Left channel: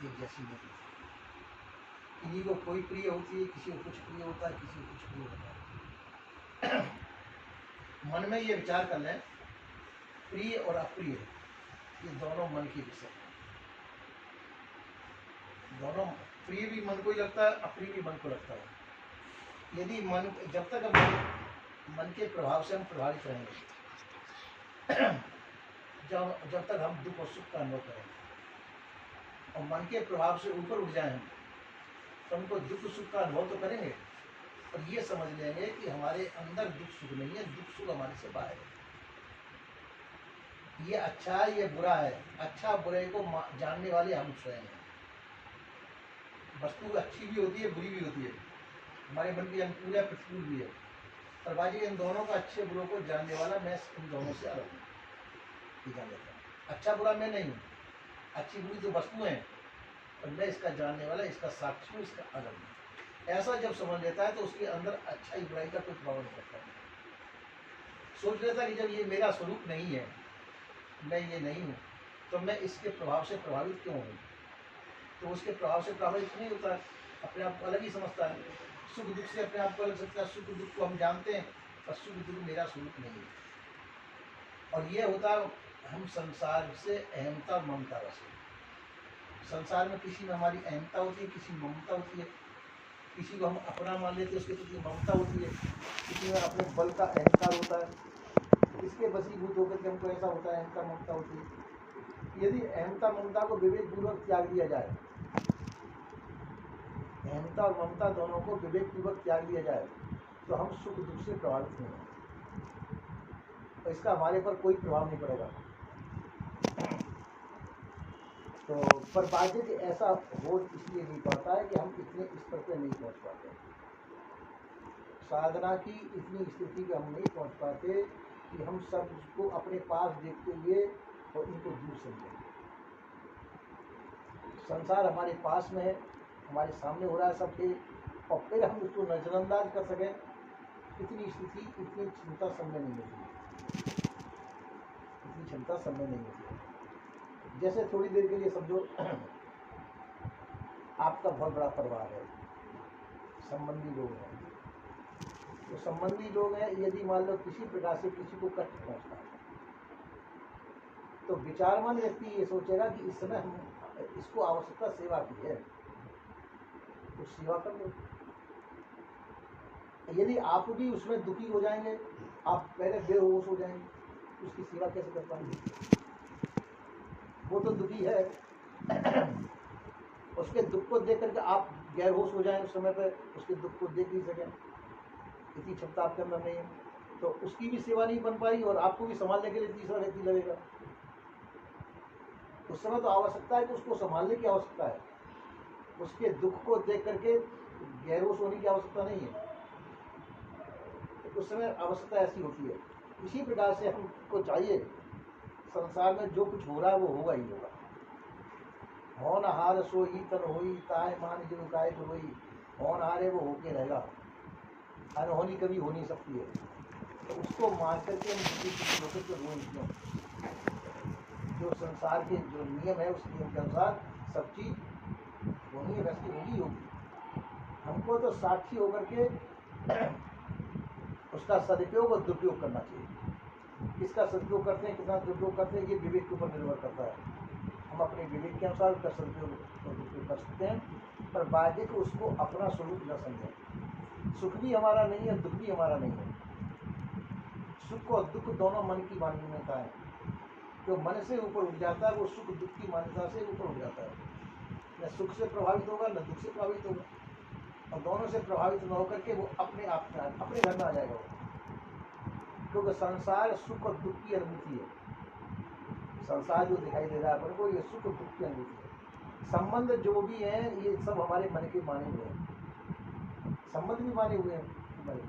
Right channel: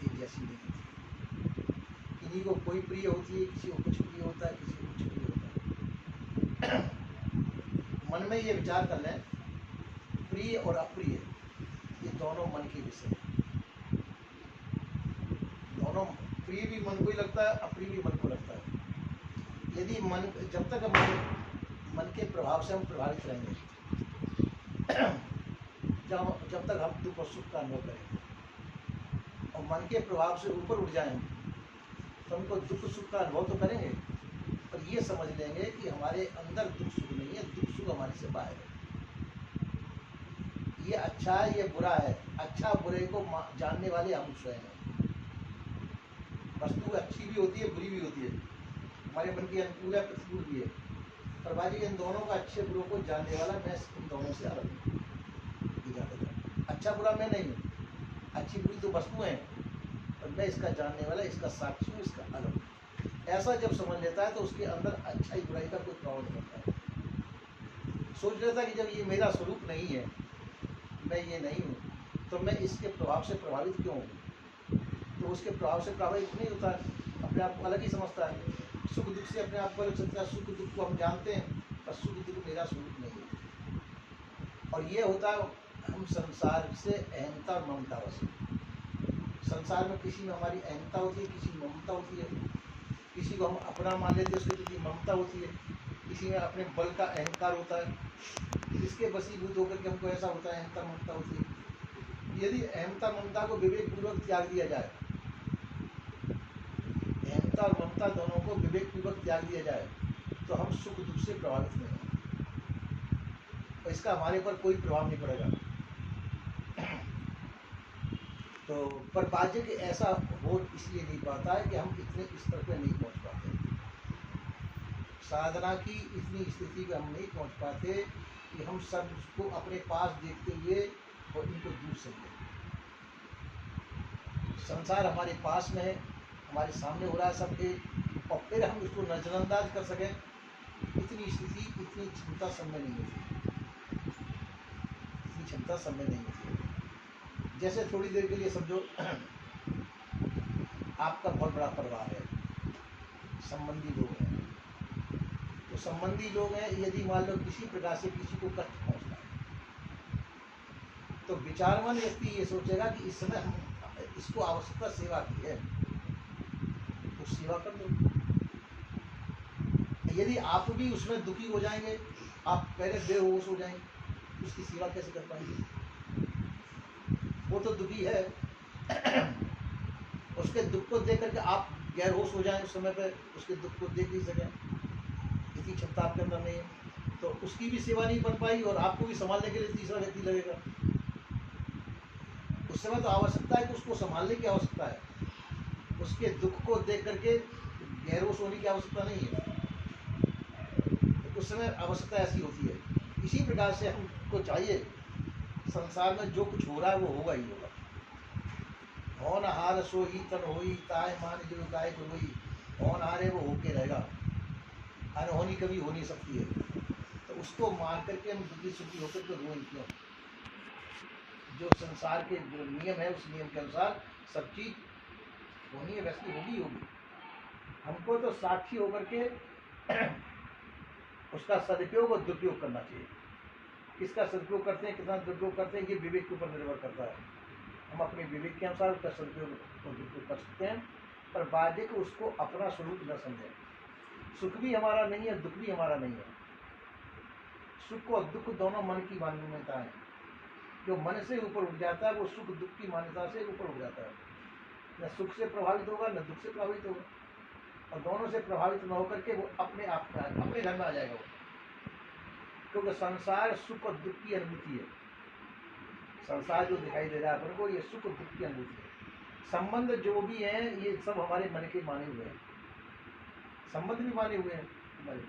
एक जैसी नहीं होती। किसी को कोई प्रिय होती है, किसी को कुछ प्रिय होता है, किसी को कुछ प्रिय होता है। मन में ये विचार कर लें, प्रिय और अप्रिय ये दोनों मन के विषय हैं। दोनों प्रिय भी मन को ही लगता है, अप्रिय भी मन को लगता है। यदि मन, जब तक मन के प्रभाव से हम प्रभावित रहेंगे, जब तक हम दुख और सुख का अनुभव करेंगे और मन के प्रभाव से ऊपर उठ जाएं तो हमको दुख सुख का अनुभव तो करेंगे, पर ये समझ लेंगे कि हमारे अंदर दुख सुख नहीं है, दुख सुख हमारे से बाहर है। ये अच्छा है, ये बुरा है, अच्छा बुरे को जानने वाले हम स्वयं हैं। वस्तु अच्छी भी होती है, बुरी भी होती है, हमारे मन की अनुकूल है, प्रतिकूल भी है, पर बाजी इन दोनों का अच्छे बुरों को जानने वाला मैं इन दोनों से अलग हूँ। अच्छा बुरा मैं नहीं हूँ, अच्छी बुरी तो वस्तु है, और मैं इसका जानने वाला, इसका साक्षी हूँ, इसका अलग हूँ। ऐसा जब समझ लेता है तो उसके अंदर अच्छाई बुराई का कोई प्रभाव नहीं पड़ता। सोच लेता कि जब ये मेरा स्वरूप नहीं है, मैं ये नहीं हूँ, तो मैं इसके प्रभाव से प्रभावित क्यों हूँ? तो उसके प्रभाव से प्रभावित नहीं होता है, अपने आप को अलग ही समझता है। सुख दुख से अपने आप को अलग समझता है। सुख दुख को हम जानते हैं, पर सुख दुख मेरा स्वरूप नहीं है। और ये होता है हम संसार से अहमता और ममता वश। संसार में किसी में हमारी अहमता होती है, किसी में ममता होती है, किसी को हम अपना मान लेते हैं, उसके प्रति ममता होती है, किसी में अपने बल का अहंकार होता है, इसके वशीभूत होकर के हमको ऐसा होता है, अहंता ममता होती है। यदि अहमता ममता को विवेक पूर्वक त्याग दिया जाए, अहमता और ममता दोनों को विवेक पूर्वक त्याग दिया जाए, तो हम सुख दुख से प्रभावित नहीं होंगे, तो इसका हमारे पर कोई प्रभाव नहीं पड़ेगा। तो पर बाजे कि ऐसा हो इसलिए नहीं पाता है कि हम इतने स्तर पर नहीं पहुंच पाते, साधना की इतनी स्थिति पे हम नहीं पहुंच पाते कि हम सब उसको अपने पास देखते हुए और इनको दूर से लें। संसार हमारे पास में है, हमारे सामने हो रहा है सबके, और फिर हम उसको नजरअंदाज कर सकें, इतनी स्थिति, इतनी क्षमता सब में नहीं होती, इतनी क्षमता सब में नहीं होती है। जैसे थोड़ी देर के लिए समझो आपका बहुत बड़ा परिवार है, संबंधी लोग हैं, तो संबंधी लोग हैं, यदि मान लो किसी प्रकार से किसी को कष्ट पहुंचता है, तो विचारवान व्यक्ति ये सोचेगा कि इस समय हम इसको आवश्यकता सेवा की है, तो सेवा कर लो। यदि आप भी उसमें दुखी हो जाएंगे, आप पहले बेहोश हो जाएंगे, उसकी सेवा कैसे कर पाएंगे? वो तो दुखी है, उसके दुख को देख करके आप गैर होश हो जाएं, उस समय पर उसके दुख को देख नहीं सकें, इतनी क्षमता आपके अंदर नहीं है, तो उसकी भी सेवा नहीं बन पाई और आपको भी संभालने के लिए तीसरा व्यक्ति लगेगा। उस समय तो आवश्यकता है कि उसको संभालने की आवश्यकता है, उसके दुख को देख करके गैरोस होने की आवश्यकता नहीं है। तो उस समय आवश्यकता ऐसी होती है। इसी प्रकार से हमको चाहिए, संसार में जो कुछ हो रहा है वो होगा ही होगा। मौन हार सो ही तन होई, ताय मान जो गाय रोई, मौन हारे वो होके रहेगा, अनहोनी कभी हो नहीं सकती है। तो उसको मान करके हम दुखी सुखी होकर के रोएं क्यों? जो संसार के जो नियम है, उस नियम के अनुसार सब चीज होनी है, वैसी होगी होगी। हमको तो साक्षी होकर के उसका सदुपयोग और दुरुपयोग करना चाहिए। किसका सदुपयोग करते हैं, कितना दुरुपयोग करते हैं, ये विवेक के ऊपर निर्भर करता है। हम अपने विवेक के अनुसार उसका सदुपयोग और दुरुपयोग कर सकते हैं, पर बाधिक उसको अपना स्वरूप न समझें। सुख भी हमारा नहीं है, दुख भी हमारा नहीं है। सुख और दुख दोनों मन की मान्यता है। जो मन से ऊपर उठ जाता है वो सुख दुख की मान्यता से ऊपर उठ जाता है, न सुख से प्रभावित होगा न दुख से प्रभावित होगा, और दोनों से प्रभावित न होकर के वो अपने आप अपने घर में आ जाएगा वो। क्योंकि संसार सुख और दुख की अनुभूति है। संसार जो दिखाई दे रहा है अपन को, ये सुख और दुख की अनुभूति है। संबंध जो भी हैं ये सब हमारे मन के माने हुए हैं, संबंध भी माने हुए हैं हमारे।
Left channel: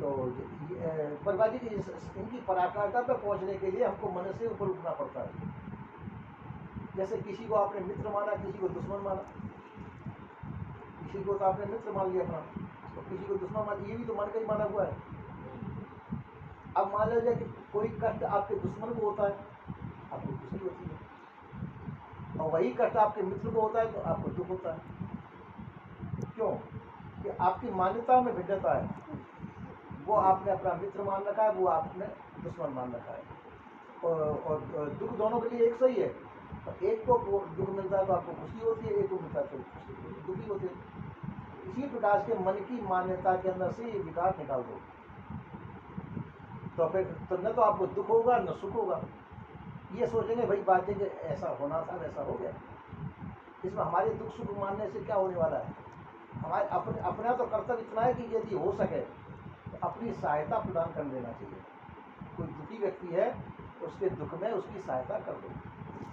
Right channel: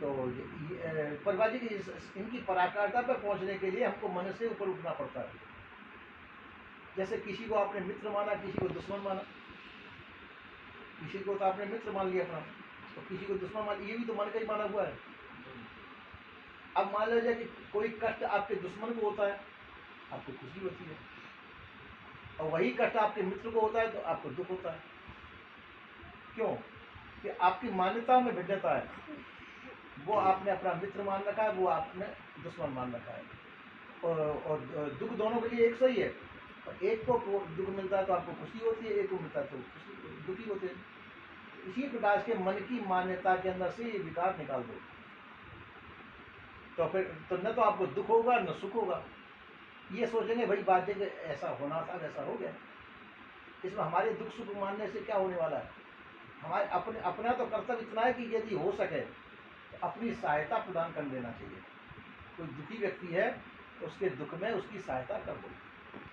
तो परवाजी की इनकी पराकाष्ठा पर पहुंचने के लिए हमको मन से ऊपर उठना पड़ता है। जैसे किसी को आपने मित्र माना, किसी को दुश्मन माना, किसी को तो आपने मित्र मान लिया अपना, तो किसी को दुश्मन मान लिया, ये भी तो मन का ही माना हुआ है। अब मान लीजिए कि कोई कष्ट आपके दुश्मन को होता है, आपको खुशी होती है, और वही कष्ट आपके मित्र को होता है तो आपको दुख होता है। क्यों? कि आपकी मान्यताओं में भिन्नता है। वो आपने अपना मित्र मान रखा है, वो आपने दुश्मन मान रखा है। और दुख दोनों के लिए एक सही है। और एक को दुख मिलता है तो आपको खुशी होती है, एक को मिलता है तो दुखी होते हैं। इसी प्रकार के मन की मान्यता के अंदर से ये विकार निकाल दो, तो फिर तो न तो आपको दुख होगा न सुख होगा। ये सोचेंगे भाई बात है कि ऐसा होना था वैसा हो गया। इसमें हमारे दुख सुख मानने से क्या होने वाला है? हमारे अपना तो कर्तव्य इतना है कि यदि हो सके तो अपनी सहायता प्रदान कर देना चाहिए। कोई दुखी व्यक्ति है तो उसके दुख में उसकी सहायता कर दो,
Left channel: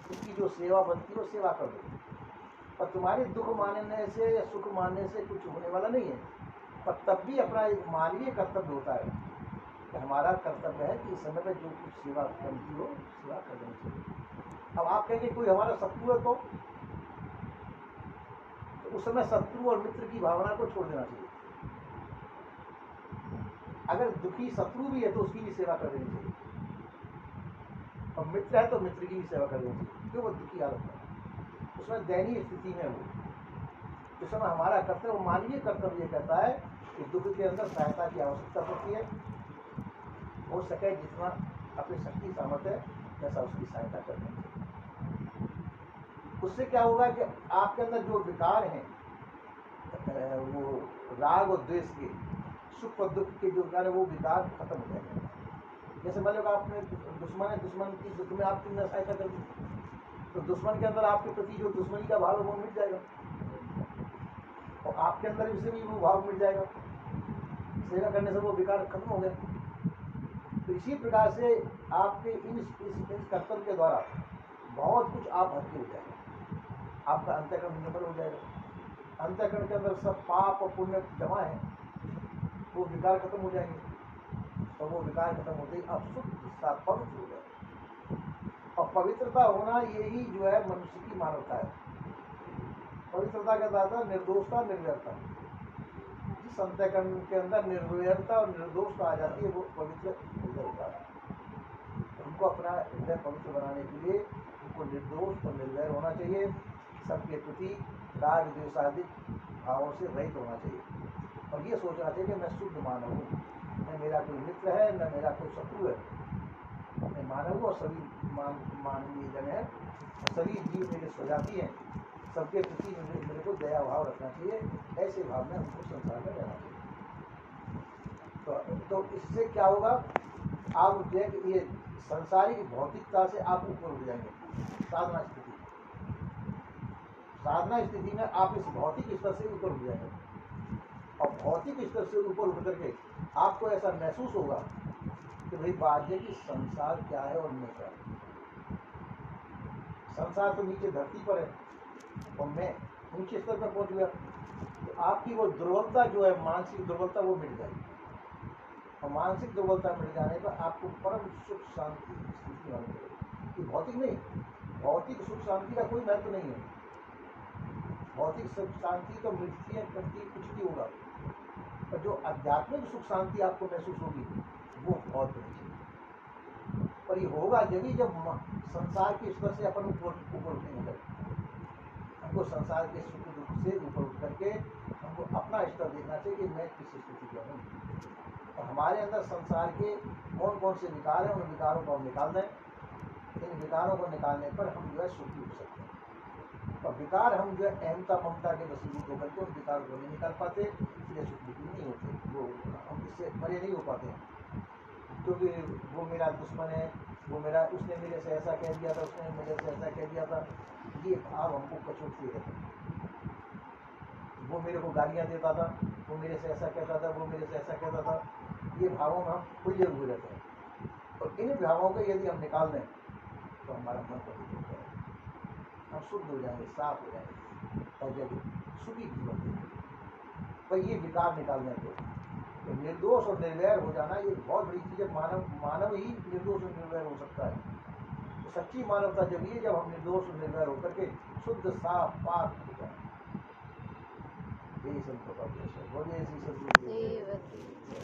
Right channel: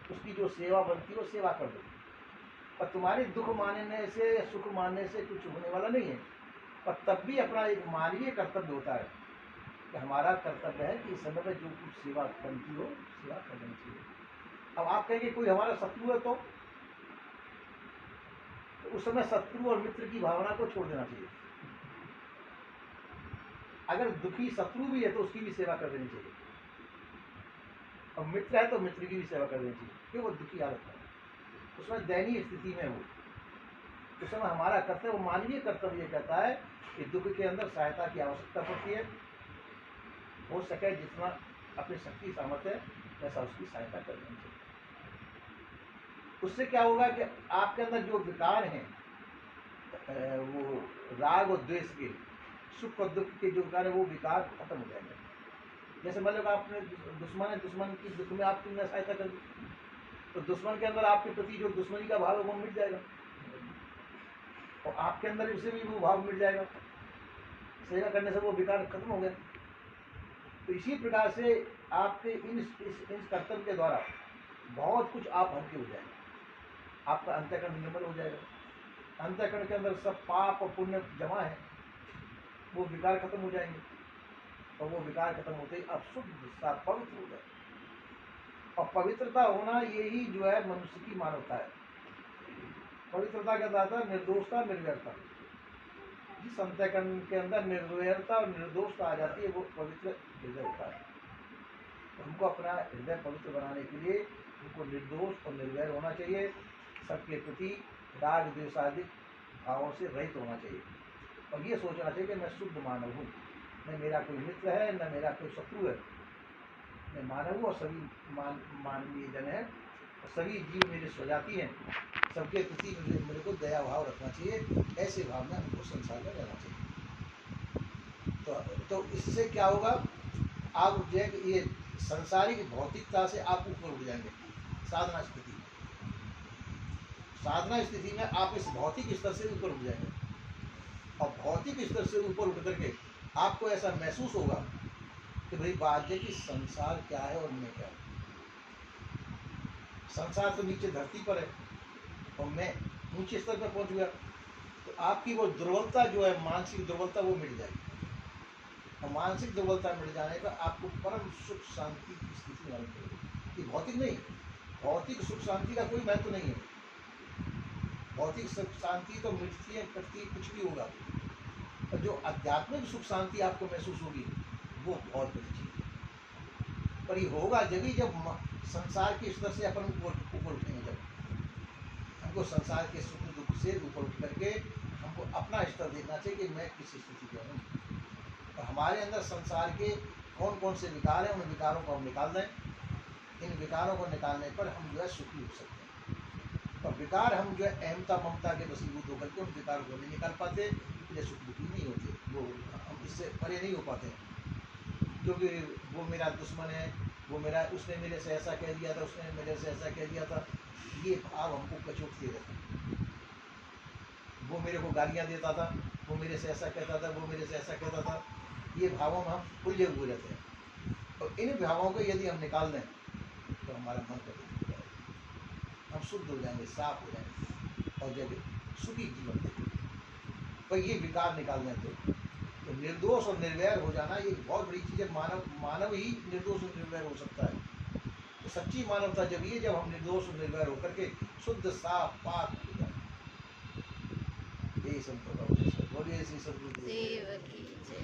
उसकी जो सेवा बनती है वो सेवा कर दो। पर तुम्हारे दुख मानने से या सुख मानने से कुछ होने वाला नहीं है। पर तब भी अपना एक मानवीय कर्तव्य होता है कि हमारा कर्तव्य है कि इस समय पर जो कुछ सेवा बनती हो सेवा कर देनी चाहिए। अब आप कहेंगे कोई हमारा शत्रु है तो उस समय शत्रु और मित्र की भावना को छोड़ देना चाहिए। अगर दुखी शत्रु भी है तो उसकी भी सेवा कर देनी चाहिए, और मित्र है तो मित्र की भी सेवा कर देनी चाहिए, क्यों? वो दुखी हालत में, उसमें दयनीय स्थिति में वो, उस समय हमारा कर्तव्य, मानवीय कर्तव्य ये कहता है कि दुख के अंदर सहायता की आवश्यकता पड़ती है। हो सके जितना अपनी शक्ति सामर्थ्य है वैसा उसकी सहायता कर देनी चाहिए। उससे क्या होगा कि आपके अंदर जो विकार हैं, वो राग और द्वेष के, सुख और दुख के जो विकार है वो विकार खत्म हो जाएंगे। जैसे मान लो आपने दुश्मन है, दुश्मन की दुख में आपकी सहायता कर दी तो दुश्मन के अंदर आपके प्रति जो दुश्मनी का भाव है वो मिट जाएगा, और आपके अंदर उससे भी वो भाव मिट जाएगा। सेवा करने से वो विकार खत्म हो गया। तो इसी प्रकार से आपके इस कर्तव्य के द्वारा बहुत कुछ आप हल्के हो जाएगा। आपका अंतःकरण निर्मल हो जाएगा। अंतःकरण के अंदर सब पाप और पुण्य जमा है, वो विकार खत्म हो जाएंगे, और वो विकार खत्म होते ही आप शुद्ध पवित्र हो जाए। और पवित्रता होना यही जो है मनुष्य की मानवता है। पवित्रता का दाता निर्दोषता निर्वैरता। जिस अंतःकरण के अंदर निर्वैरता और निर्दोषता आ जाती है वो पवित्र हृदय होता है। हमको अपना हृदय पवित्र बनाने के लिए हमको निर्दोष और निर्वैर होना चाहिए। सबके प्रति राग द्वेषादिक भावों से रहित होना चाहिए, और ये सोचना चाहिए कि मैं शुद्ध मानव हूँ, न मेरा कोई मित्र है न मेरा कोई शत्रु है, मैं मानव हूँ और सभी मानवीय जन है, सभी जीव मेरे स्वजाति हैं, सबके प्रति मेरे को दया भाव रखना चाहिए। ऐसे भाव में हमको संसार में रहना चाहिए। तो इससे क्या होगा, आप जो है कि ये सांसारिक भौतिकता से आप ऊपर उठ जाएंगे। साधना स्थिति में आप इस भौतिक स्तर से ऊपर उठ जाएंगे, और भौतिक स्तर से ऊपर उठ करके आपको ऐसा महसूस होगा कि भाई बात है कि संसार क्या है और मैं क्या है। संसार तो नीचे धरती पर है और मैं ऊंचे स्तर पर पहुंच गया, तो आपकी वो दुर्बलता जो है, मानसिक दुर्बलता, वो मिट जाएगी। और मानसिक दुर्बलता मिट जाने पर आपको परम सुख शांति की स्थिति मालूम पड़ेगी। ये भौतिक नहीं, भौतिक सुख शांति का कोई महत्व नहीं है। भौतिक सुख शांति तो मिटती है, कटती है, कुछ भी होगा, और जो आध्यात्मिक सुख शांति आपको महसूस होगी वो बहुत बड़ी चीज है। पर ये होगा जब संसार के स्तर से अपन ऊपर उठेंगे। जब हमको संसार के सुख दुख से ऊपर उठ करके हमको अपना स्तर देखना चाहिए कि मैं किस स्थिति में हूँ, और हमारे अंदर संसार के कौन कौन से विकार हैं, उन विकारों को हम निकाल दें। इन विकारों को निकालने पर हम जो है सुखी हो सकते हैं। और विकार हम जो है अहमता ममता के वशीभूत होकर के उन विकारों को नहीं निकाल पाते, इसलिए सुख दुखी नहीं होते, वो हम इससे परे नहीं हो पाते हैं। क्योंकि वो मेरा दुश्मन है, वो मेरा, उसने मेरे से ऐसा कह दिया था, उसने मेरे से ऐसा कह दिया था, ये भाव हमको कचोटते रहते हैं। वो मेरे को गालियाँ देता था, वो मेरे से ऐसा कहता था, वो मेरे से ऐसा कहता था, ये भावों में हम उलझे हुए रहते हैं। और इन भावों को यदि हम निकाल दें तो हमारा मन पवित्र हो जाएगा, हम शुद्ध हो जाएंगे, साफ हो जाएंगे, और जब सुखी जीवन देंगे। पर ये विकार निकाल दें तो निर्दोष और निर्वैर हो जाना ये बहुत बड़ी चीज़ है। मानव ही निर्दोष और निर्वैर हो सकता है। तो सच्ची मानवता जब ये, जब हम निर्दोष और निर्वैर होकर के शुद्ध साफ पाक हो जाए। यही संतों का उद्देश्य है। बोलिए श्री सद्गुरु देव की जय।